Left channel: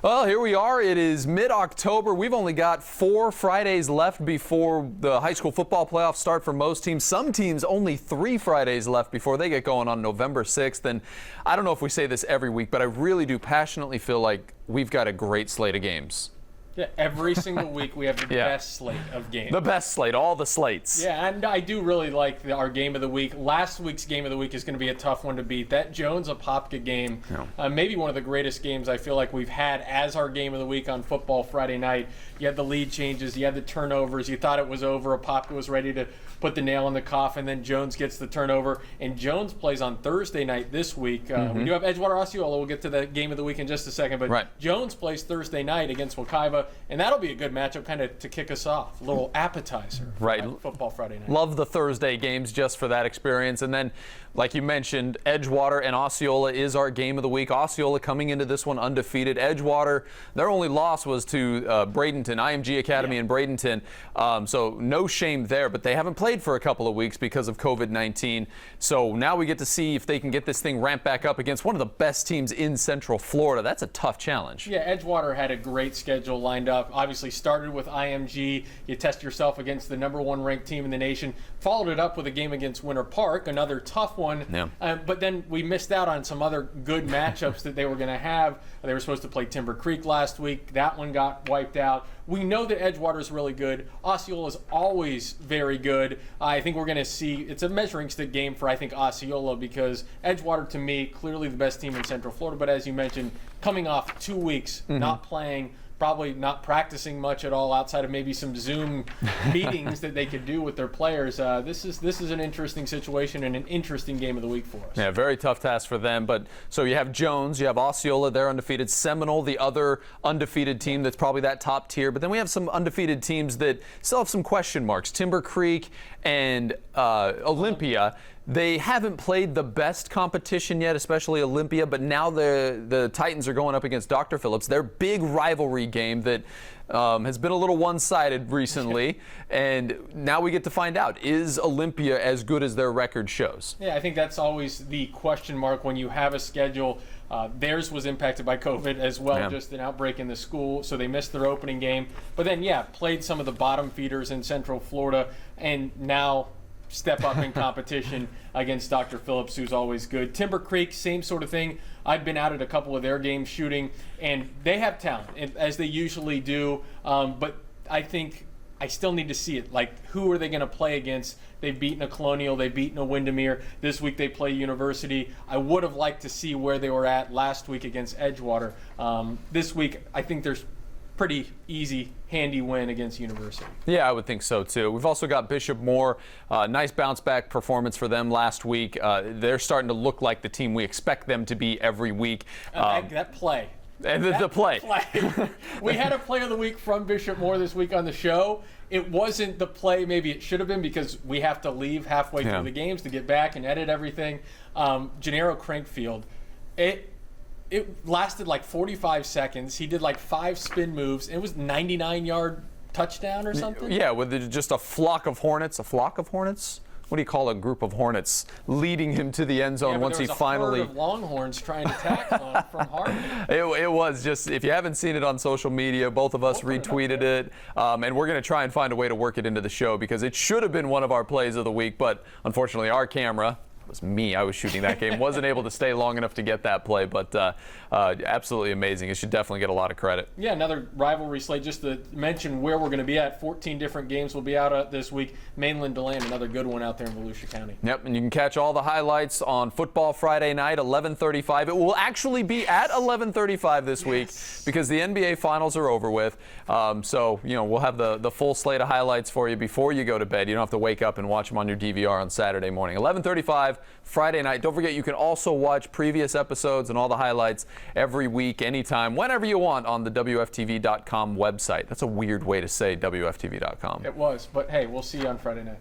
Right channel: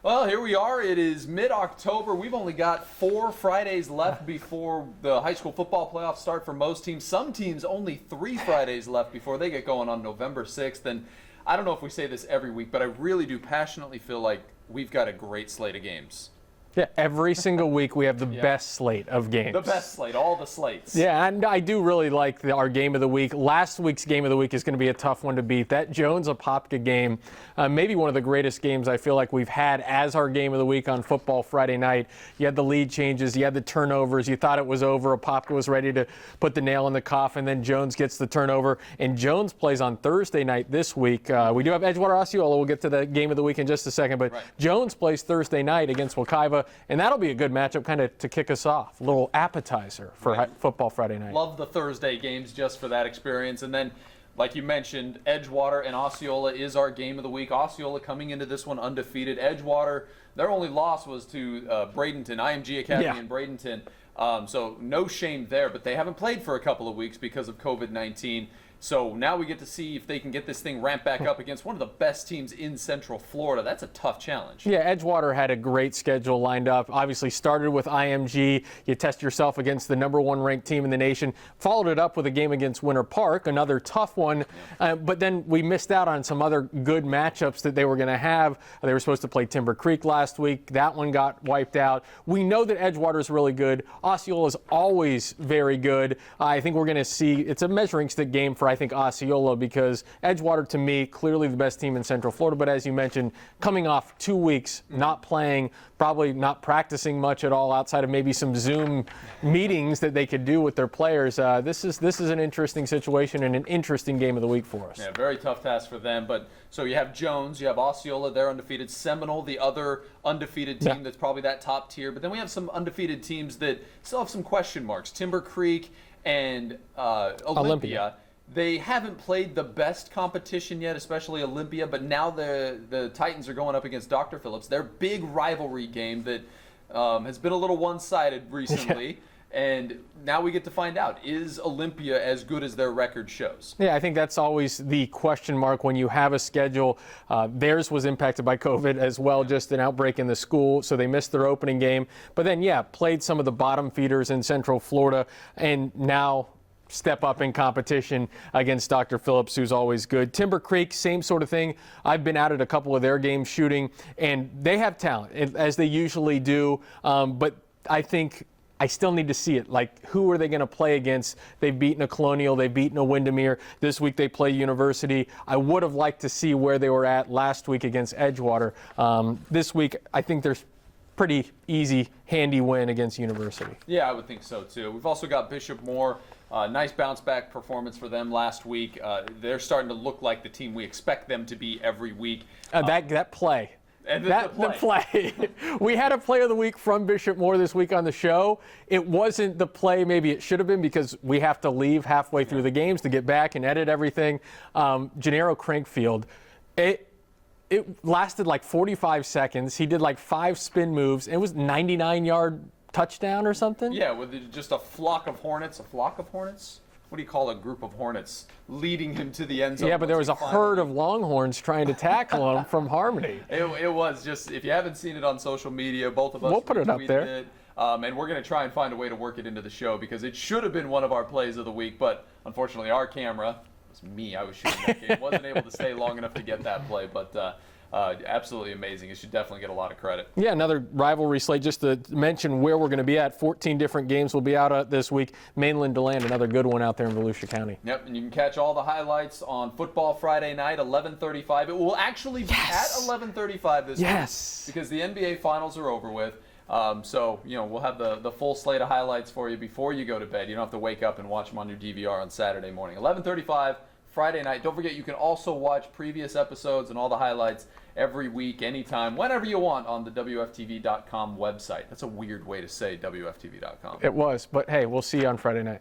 Well, here we are. It is mid-October. We've only got 4 Fridays left before the high school football playoffs start for most teams. Some teams only 3 Fridays left before they get going on November 6th. And I don't know if we say this every week, but I really do passionately feel like we've got a great slate of games. Yeah, every single week we have the best slate of games. The best slate, all the slates. Yeah, and I do really like our game of the week. Last week's game of the week is going to be a tough one to beat. That Jones-Apopka game, maybe one of the greatest games I feel like we've had as our game of the week on Football Friday night. You had the lead changes, you had the turnovers, you thought it was over. Apopka was ready to put the nail in the coffin, then Jones gets the turnover. And Jones plays on Thursday night this week. We do have Edgewater Osceola. We'll get to the game of the week in just a second. But Jones plays Thursday night against Wekiva. And that'll be a good matchup kind of to kick us off. A little appetizer for Football Friday night. Love the Thursday games just for that experience. And then, like you mentioned, Edgewater and Osceola is our game of the week. Osceola coming into this one undefeated. Edgewater, their only loss was to Bradenton, IMG Academy in Bradenton. So no shame there, but they haven't played for a couple of weeks because of COVID-19. So now we get to see if they can get this thing ramped back up against one of the best teams in Central Florida. That's a tough challenge. Yeah, Edgewater had a great schedule lined up. Obviously started with IMG. You test yourself against the #1 ranked team in the nation. Followed it up with a game against Winter Park, another tough one. But then we missed out on some other good matchups that they were going to have. They were supposed to play Timber Creek last week. That one got wiped out. We know that Edgewater is really good. Osceola is always very good. I think we're going to see, it's a measuring stick game for, I think, Osceola, because Edgewater, to me, clearly the best team in Central Florida. But as you mentioned, coming off 2 weeks, not playing, probably not practicing much at all outside of maybe some Zoom meetings that they could do with their players. This is an interesting situation and an interesting game of the week for us. Yeah, very tough task for them. But so you have Jones, you have Osceola, they're undefeated. Seminole, the other undefeated team that's probably that top tier. But then we have some undefeated teams that still have some question marks. Timber Creek and Olympia. They haven't played the best competition yet, especially Olympia, but now the Titans are going up against Dr. Phillips. Their big rivalry game that has been a little one-sided recently, and now we get to find out, is Olympia as good as their record shows? Yeah, I think that's always the question mark when you have a schedule. Theirs was impacted by COVID as well, just an outbreak in the school, so they missed their opening game. But then, played some of the bottom feeders in Central Florida, and now step up in competition against Dr. Phillips, who's always good. Timber Creek, same sort of thing. I've been out at a couple of their games shooting, and they have talent, as they usually do. But I think I still need to see it. Like, who are they going to play against? They've beaten a Colonial. They've beaten a Windermere. This week they play University. I would have liked to see where they were at last week against Edgewater. This week, I think there's pretty easy, handy win against University. Yeah, I would think so too. We've also got Bishop Moore. Nice bounce back performance for them last week. They're starting to look like the team we expect them to be every week. That play. The play. We had a play of the week from Bishop Moore this week on the show. It wasn't the play maybe it should have been, because we have to leave halfway through the games to get back and edit everything. Gennaro Crankfield, it lasted like 45 seconds. He did like 5 spin moves. It was 99-yard touchdown or something. Yeah, with just a flock of hornets. A flock of hornets? What do you call a group of hornets leading him to the end zone? Yeah, but once there was a herd of Longhorns trying to tackle him from Harmony. It was just, if you haven't seen it on social media, both of us retweeted it. And we're going to try and find a way to work it into the show, because it should have been one of our plays of the week, but unfortunately our camera, it was me, I was shooting that game, wasn't able to stay long enough to get that play, but absolutely amazing. It should definitely get a lot of credit. Yeah, another rivalry slate. Just to mention where we're going to be at, 14 different games will be out this week. Mainland DeLand, another good one out there in Volusia County. Yep, and you can catch all the highlights on Football Friday night, 11:35. It will actually be at 11:35 this week, because the NBA Finals are over with. So, we'll have the full slate of highlights for you before you go to bed. You don't have to wake up and watch them on your DVR on Saturday morning. 11:35 Friday night. Don't forget, you can also watch previous episodes and all the highlights every week, anytime, whenever you want on the WFTV.com website. That's a weird way to say WFTV.com. It was, but hey, we'll see you on Friday night.